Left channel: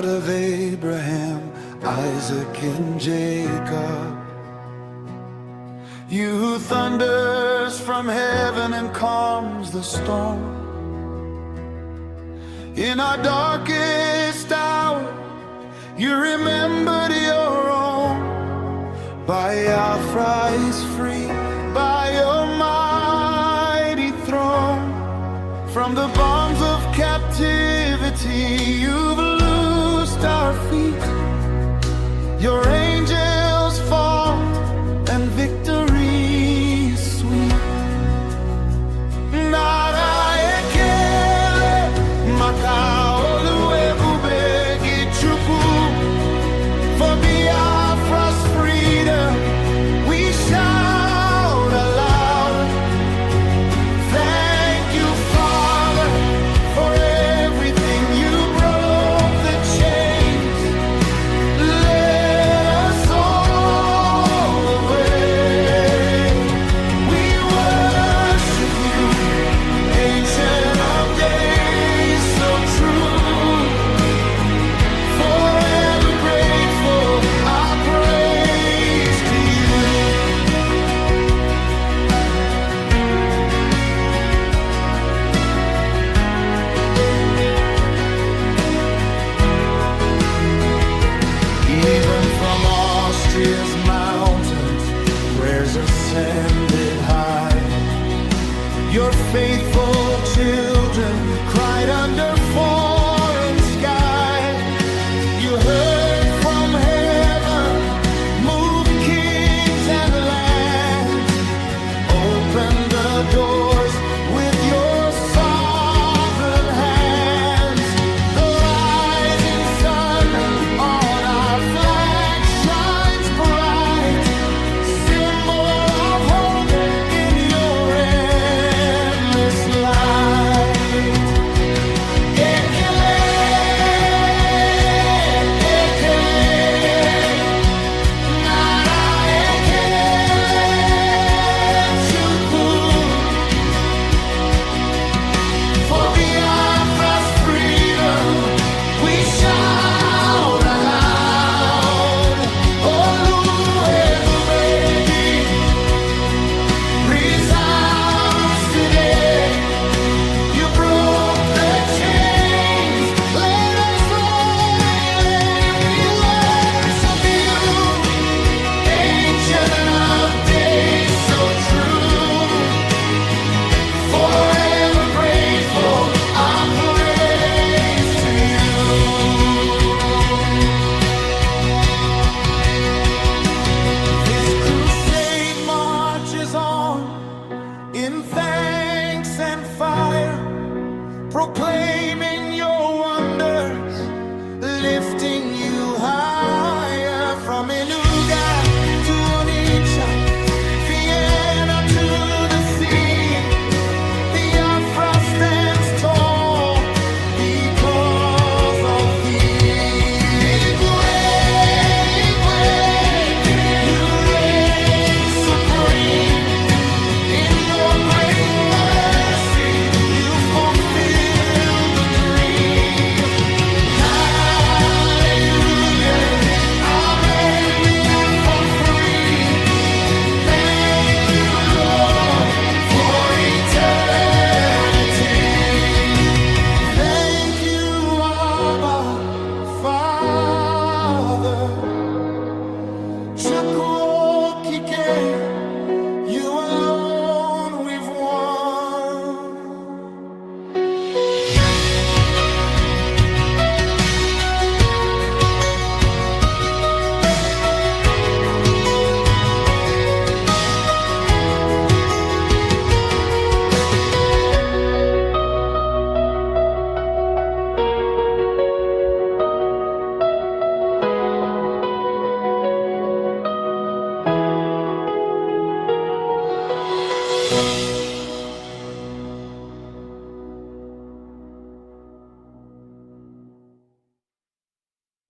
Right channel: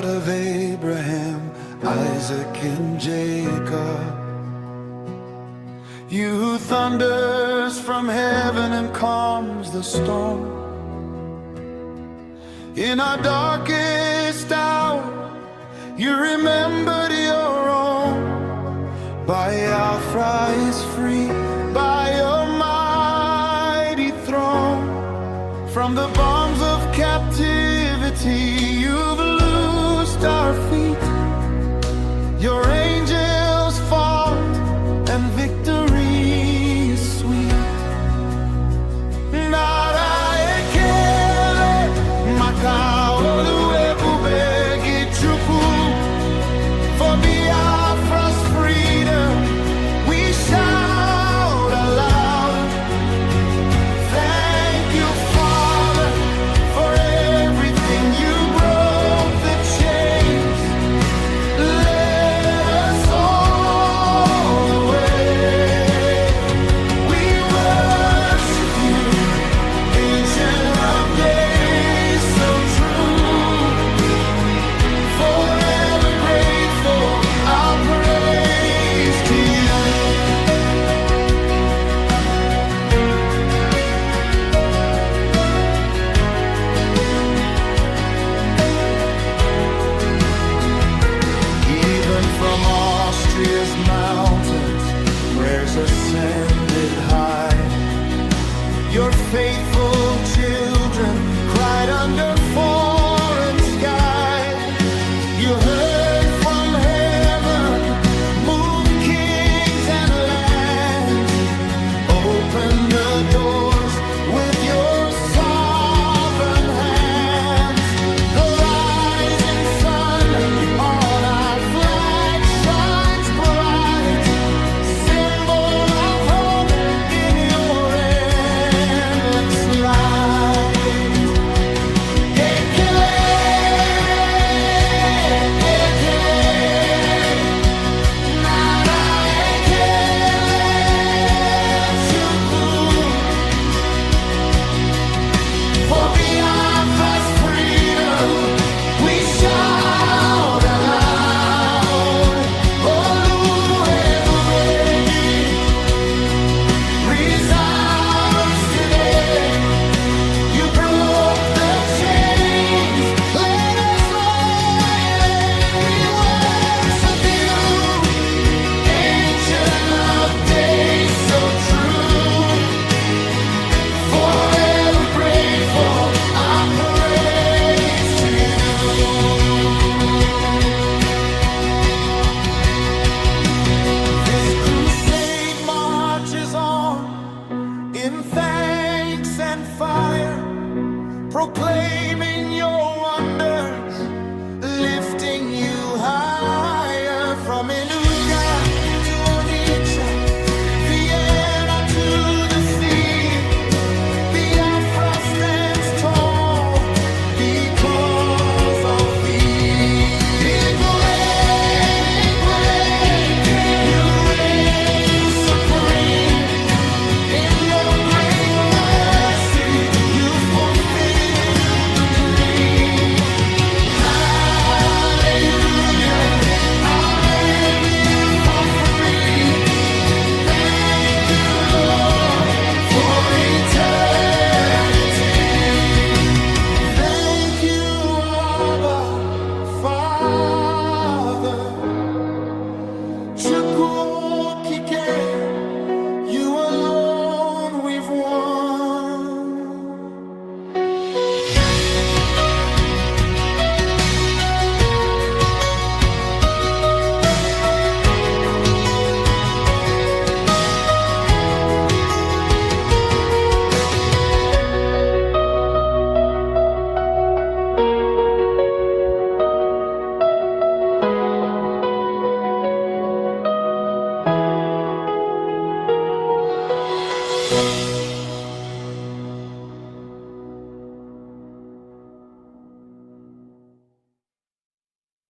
God of Abraham, Isaac, and Jacob. You who thunders from heaven and calms the storm. In our darkest hour, you remembered your own. Biafra is free by your mighty throne. From the bonds of captivity, you've loosed our feet. Your angels fought, and victory is sweet. Nara ekele makaolu ebubegi chukwu. For Biafra's freedom, we shout aloud. Thank you, Father, for everything. You broke the chains, led us all the way. We worship you, Ancient of Days, so true. Forever grateful, our praise to you. Even from Austria's mountains, prayers ascended high. Your faithful children cried under foreign sky. You heard from heaven, moved kings and lands. Open the doors with your sovereign hands. The rising sun on our flag shines bright, symbol of hope in your endless light. Ekele, ekele, nara ekele chukwu. For Biafra's freedom, we shout aloud. Olu ebubegi resounds today. You broke the chains, let us all. We worship you, Ancient of Days, so true. Forever grateful, our praise to you. This crusade marches on in thanks and fire, proclaiming your wonders, lifting you higher. From Enugu to Onitsha, Vienna to the sea, Biafra stands tall because of thee. Igwe, Igwe, you reign supreme. In your great mercy, you fulfill the dream. Hallelujah, amen, Biafra free. Thank you, Lord, for eternity. Thank you, Abba, Father. Chukwu okike, you alone